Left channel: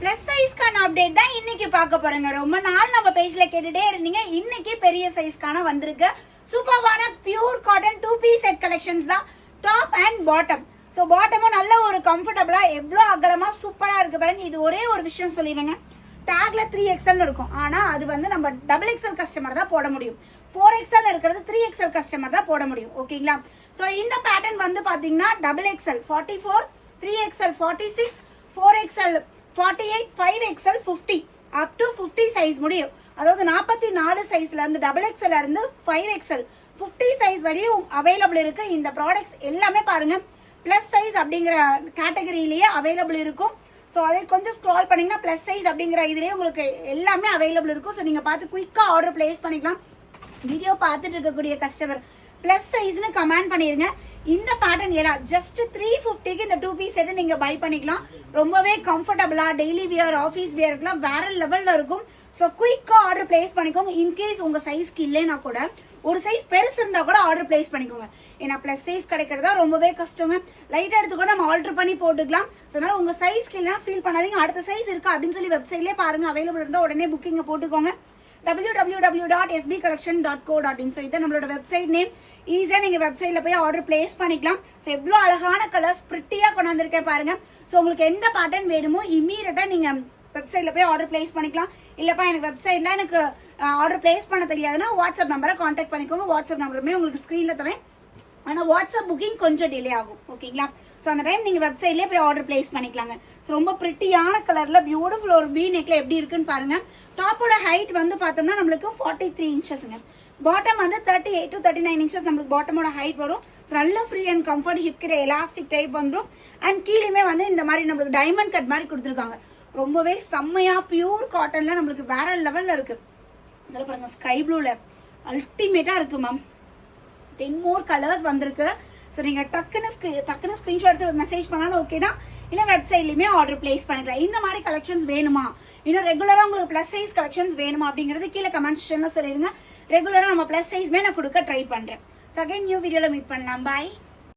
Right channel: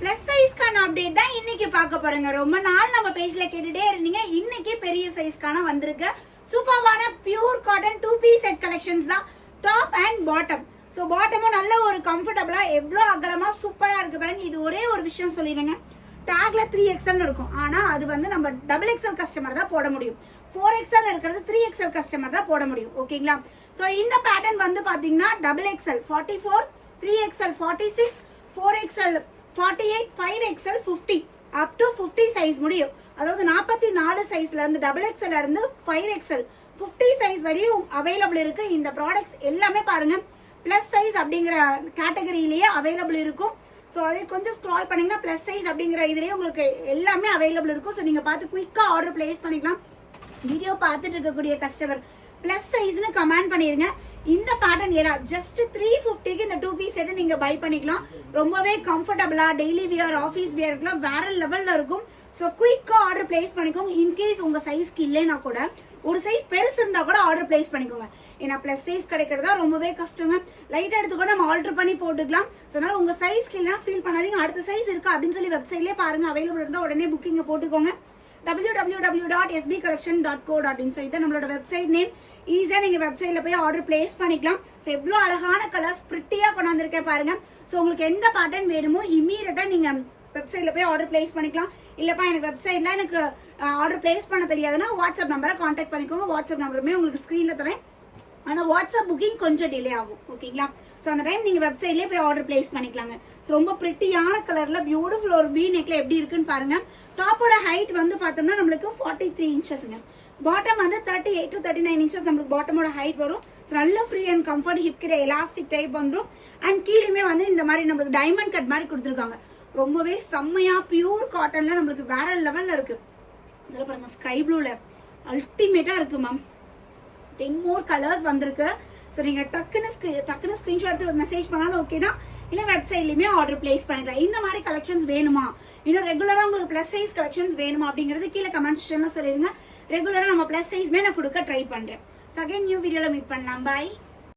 Plus சைஸ்க்கான update தான் இன்னைக்கு பார்க்க போறேங்க. ரொம்ப நாள் நம்ம பேஜ்ல கேட்டுட்டே இருந்தீங்க. இன்னைக்கு பெரிய சைஸ்க்கான வந்திருக்கு. சூப்பர்வான pure cotton 2 piece set collections தான், டாப் அண்ட் பாட்டம். ஸோ பாட்டமும் நல்ல ஒரு கம்ஃபர்டபுளா எவ்வளோ அகலமா சூப்பரா இருக்கு பாருங்க. இது ஒரே ஒரு விஷயம் சொல்லிடுங்க, டேக்ல 3XL இருக்கும். ஆனா அது வந்து நம்ம XXL கஸ்டமர் தான் போட முடியும். 4XL இருக்கிறது 3XL கஸ்டமர் தான் போட முடியும். ஓகேங்களா? ஸோ இந்த பேட்டர்ன் வந்து பாத்தீங்கன்னா XXL 44, 3XL 46, 4XL 48, 5XL 50 up to 50 size முடியும். அதாவது 44 சைஸ்ல இருந்து XXL இருந்து 5XL 50 சைஸ் வரையும் அவைலபிள் இருக்கு. இந்த ப்ராடக்ட்ஸ் எல்லாமே பாருங்க பிளஸ் சைஸ் அப்படிங்கிற கேட்டகரியிலேயே அவைலபிள் இருக்கும். ஸோ அதை கொஞ்சம் ஸ்க்ரால் பண்ணீங்கன்னா பிளஸ் சைஸ் அப்படிங்கிற இதுலேயே உங்களுக்கு எல்லாமே அவைலபிள் இருக்கும். ஸோ நீங்கள் பார்த்து குயிக்காக ஆர்டர் பிளேஸ் பண்ணிக்கலாம். வீடியோ பார்த்துட்டு இருக்கக்கூடிய கஸ்டமர் பிளஸ் சைஸ்னு கமெண்ட் பண்ணிருங்க. இந்த பேட்டர்ன் எல்லாம் ஜஸ்ட் 350க்கு இந்த 2 பீஸ் செட் நீங்க பை பண்ணிக்கலாம். ரொம்பவே கம்ஃபர்டபுளா டெய்லி வியர், ஆஃபீஸ் வியர்க்குலாம் வேற லெவல்ல இருக்கும். ஸோ குயிக்கா ஆர்டர் பிளேஸ் பண்ணிக்கோங்க. இன்கேஸ் உங்க சைஸ்க்கு இல்லைன்னா கூட ஒரு சைஸ் பெருசு இருந்தா கூட ஆர்டர் பிளேஸ் பண்ணிக்கோங்க. ஏன்னா பிளஸ் சைஸ் கிடைக்கிறதா ரொம்பவே கஷ்டங்க. லைட் எடுத்து கூட நம்ம ஆல்டர் பண்ணி போட்டுக்கலாம். அதனால உங்க சைஸ்க்கு இல்லைன்னா ஃபீல் பண்ணாதீங்க. அடுத்த சைஸ் இருக்கா அப்படின்னு சொல்லி வெப்சைட்லேயே பாருங்க, அவைலபிள் இருந்தால் உடனே புக்கிங்க போட்டுக்கோங்க. www.sbcollection.co.in. ஸோ இதான் நம்மளோட வெப்சைட் நேம். ஈஸியாக நீங்கள் வெப்சைட்டில் போய் ஆர்டர் பிளேஸ் பண்ணிக்கலாம். ஸோ எவ்வளோ அழகான கலர்ஸ் பிரிட்டியாக கொண்டாந்துருக்கேன் பாருங்க. ஸோ உங்களுக்கு எந்த பேட்டர்ன் வேணுமோ இம்மீடியட்டாக நீங்கள் வெப்சைட்டில் போய் ஆர்டர் பிளேஸ் பண்ணிக்கலாம். இல்லைப்பா எனக்கு வெப்சைட்டில் எனக்கு ஆர்டர் பிளேஸ் பண்ண தெரியாதுன்னா வாட்ஸ்அப் நம்பரை காண்டாக்ட் பண்ணிக்கோங்க. வாட்ஸ்அப் நம்பருமே உங்களுக்கு ஸ்க்ரீனில் தரேன். ஆனால் வாட்ஸ்அப் புக்கிங் கொஞ்சம் டிலே ஆகும். ஓகேங்களா? ஸோ அந்த டைம் நீங்கள் வெப்சைட்லேயே போய் ஆர்டர் பிளேஸ் பண்ணிக்கலாங்க. ஸோ ரொம்ப பிரிட்டியான கலரில் பியூட்டிஃபுல் ஒரு வீ நெக்ல எப்படி இருக்குன்னு பாருங்க. டாப்போட ஹைட் வந்து பார்த்தோம்னா நம்மளுக்கு 43 இன்ச்சஸ்ங்க. பாட்டம் வந்து 38 to 39 இன்ச்சஸ் நம்மளுக்கு பாட்டமோட ஹைட் வரும். ஸோ நல்ல ஃப்ரீ அண்ட் கம்ஃபர்ட், ஹிப் கிட்ட எலாஸ்டிக் டைப் வந்துடும். அண்ட் கீழேயுமே வந்து இந்த மாதிரி நம்மளுக்கு டைமண்ட் கட் மாதிரி கொடுத்துருக்காங்க. ரொம்பவே செம்மையா பியூர் காட்டன்ல நம்மளுக்கு வேற லெவல்ல இருக்கு. இதில் பாருங்க ஸ்கை ப்ளூல அல்டிமேட்டா இருக்கு மேம். 10 more கலர்ஸ் வந்திருக்கு. ஸோ நீங்க டக்குன்னு ஸ்கிரீன்ஷாட் எடுத்து மெசேஜ் பண்ணாலும் ஓகே தான். இல்லை வெப்சைட்லையுமே ஆர்டர் பிளேஸ் பண்ணிக்கலாம். இந்த மாதிரி கலெக்ஷன்ஸ் வேணுமா, இன்னும் ரெகுலராக உங்களுக்கு ப்ளஸ் சைஸ் கலெக்ஷன்ஸ் வேணுமா அப்படிங்கிறது கீழே கமெண்ட் செக்ஷன்ல சொல்லிடுங்க. ரெகுலராக நம்ம ப்ளஸ் சைஸ்மே நான் கொடுக்க ட்ரை பண்ணுறேன். ஸோ அகைன் நியூ வீடியோவில் மீட் பண்ணலாம். பாய்.